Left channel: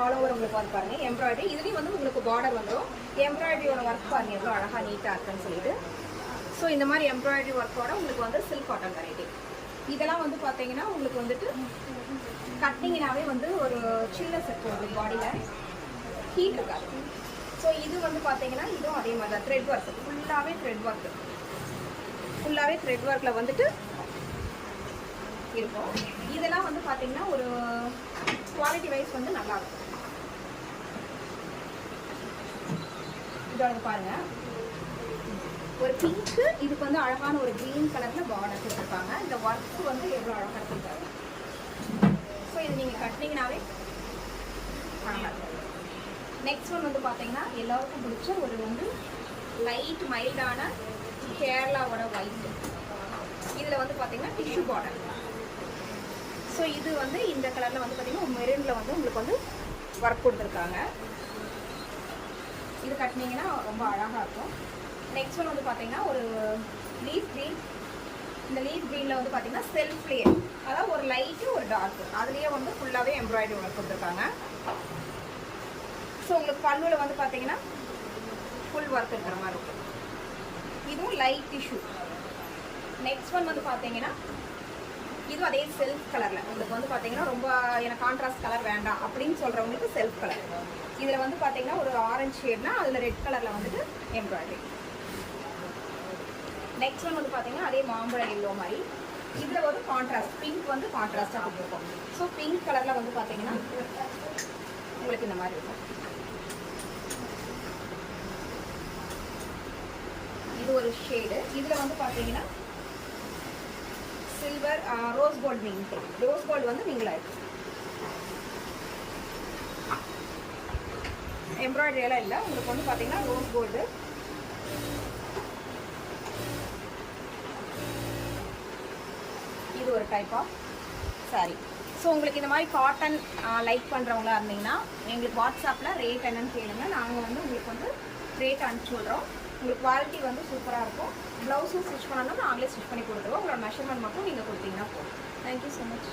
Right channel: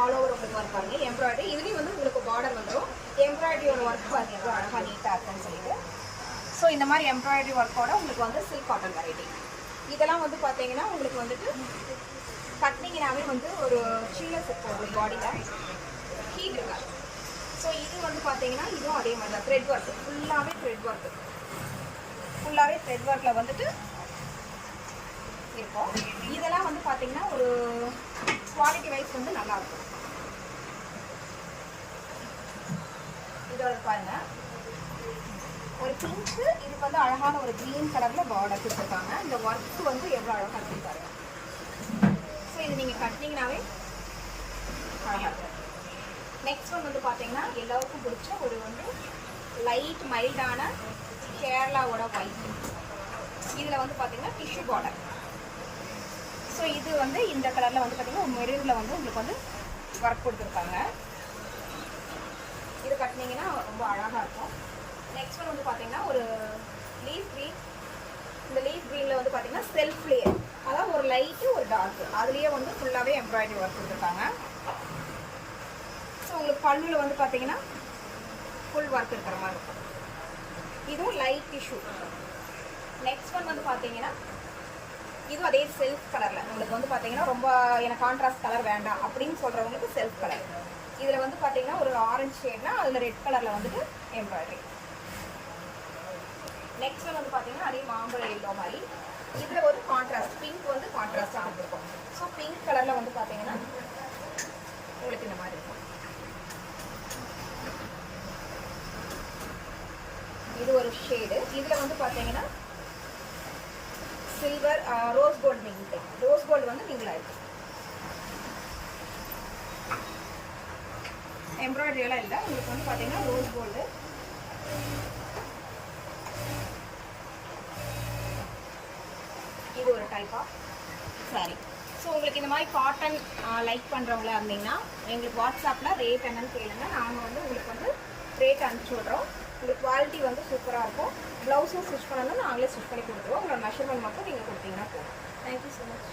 All over உங்களுக்கு வந்து பாருங்கள் எம்ப்ராய்டரி. இதுலேயும் வந்து உங்களுக்கு பார்டர் வந்துடும். எம்ப்ராய்டரியோட ஒர்க் பாருங்கள் எவ்வளோ அழகாக நீட்டாக இருக்குன்னு சொல்லிட்டு. ஸோ இந்த மாதிரி எம்ப்ராய்டரி ஒர்க்கோட உங்களுக்கு வந்து சில்க் காட்டன் வெரைட்டி. இதெல்லாம் வந்து பார்த்தீங்கன்னா உங்களுக்கு வந்துட்டு கட்டிங்கனாவே வந்து ஒரு சில்னஸ் இருக்கும் ஒரு பாடியில், ஹீட் இருக்காது. ஸோ இது வந்து பார்த்தீங்கன்னா இதுவும் அதே மாதிரி தான் த்ரெட் ஒர்க், ஃபுல்லாகவே த்ரெட் ஒர்க்கு, ஃபுல்லாகவே த்ரெட் ஒர்க்கில் வந்துட்டு இருக்கும். இதெல்லாம் வந்து பார்த்தீங்கன்னா ஒரு குவாலிட்டி வைஸ் வந்து நல்லாயிருக்கும். இதோட பாருங்க ஒரு பிங்க்கு, இதுக்கு வந்து அழகான ஒரு க்ரீன் கலரில் பார்டர் கொடுத்துருக்காங்க. இந்த ஒர்க்கு வந்து எவ்வளோ அழகாக கொடுத்துருக்காங்க. ஸோ இது நீங்கள் கட்டினீங்கன்னாவே அழகாக இருக்காது. நெக்ஸ்ட் ஒன் வந்து பார்த்தீங்கன்னா எல்லாருக்கும் பிடிச்ச ஒரு வந்து லைட் மைல்டான கேரளாவோட ஒயிட். இதில் வந்து பார்த்தீங்கன்னா டிஷ்யூ பார்டர். ஸோ இது வந்து இந்த கலரில் வந்து பார்த்தீங்கன்னா மெரூனில் வந்து உங்களுக்கு வந்து ஒர்க் கொடுத்துருக்காங்க. இது கட்டினீங்கன்னா ரொம்ப அழகாக இருக்கும். நெக்ஸ்ட் ஒன் வந்து பார்த்தீங்கன்னா ஒரு லீஃப் க்ரீன். இந்த லீஃப் க்ரீனில் வந்து பார்த்தீங்கன்னா செல்ஃப் லேயர், அதாவது ஒரு லைட்டு ஒரு டார்க்கு, அதுலேயே வந்து ஃபுல்லாகவே எம்ப்ராய்டரி ஒர்க் கொடுத்துருக்காங்க. ஸோ உங்களுக்கு பல்லுவில் வந்து பார்த்தீங்கன்னா ஃபுல் ஒர்க் இருக்கிற மாதிரி இருக்கும். இதுவும் லைட் டிஷ்யூ. நெக்ஸ்ட் ஒன் வந்து பார்த்தீங்கன்னா இதுவும் அதே செல்ஃப் கலரில் உங்களுக்கு வந்து பார்த்தீங்கன்னா ரொம்ப எனக்கு கான்ட்ராஸ்ட் கலர் வேண்டாம் அப்படின்னு சொல்கிறவங்களுக்கு செல்ஃப் கலர். இதில் வந்து பார்த்தீங்கன்னா ஒரு ஆரஞ்சு ஷேட்னா அதில் ரெட் கலரில் வந்துட்டு எம்ப்ராய்டரி. நெக்ஸ்ட் ஒன் வந்து பார்த்தீங்கன்னா அதே மாம்பழ எல்லோ மாதிரி, இதில் ஒரு கான்ட்ராஸ்ட் பிங்க் வந்து கான்ட்ராஸ்டாக கொடுத்துருக்கோம். ஸோ பிங்க் கலரில் வந்து பார்த்தீங்கன்னா உங்களுக்கு இந்த மாதிரி இருக்கும். இது ஒரு ஷேடு. இதில் வந்து பார்த்தீங்கன்னா silver rose gold wing, rose gold வந்து விங்கில் இருக்கும். எம்ப்ராய்டரி எல்லாம் இல்லை, உங்களுக்கு வந்து பார்த்தீங்கன்னா ரோஸ் கோல்டு. இது ஒரு டைப் ஆஃப் சாரி. ஸோ உங்களுக்கு இந்த மாதிரி காட்டன் லைக் பண்ணுறவங்களா இருந்தீங்கன்னா எங்களுக்கு வாட்ஸ்அப்பில் ரேட் என்னன்னு கேளுங்க. நாங்கள் வந்து உங்களுக்கு வந்து ரேட் அனுப்பிச்சி விட்றோம். உங்களுக்கு குவாலிட்டி வந்து சூப்பராக இருக்கும். ப்ளவுஸும் ஸ்டிச் பண்ணணும்னா நாங்களே ஸ்டிச் பண்ணி கொடுத்துருவோம். உங்களோட மெஷர்மெண்ட் மட்டும் நீங்கள் கொடுத்தீங்கன்னா போதும். Thank you so much.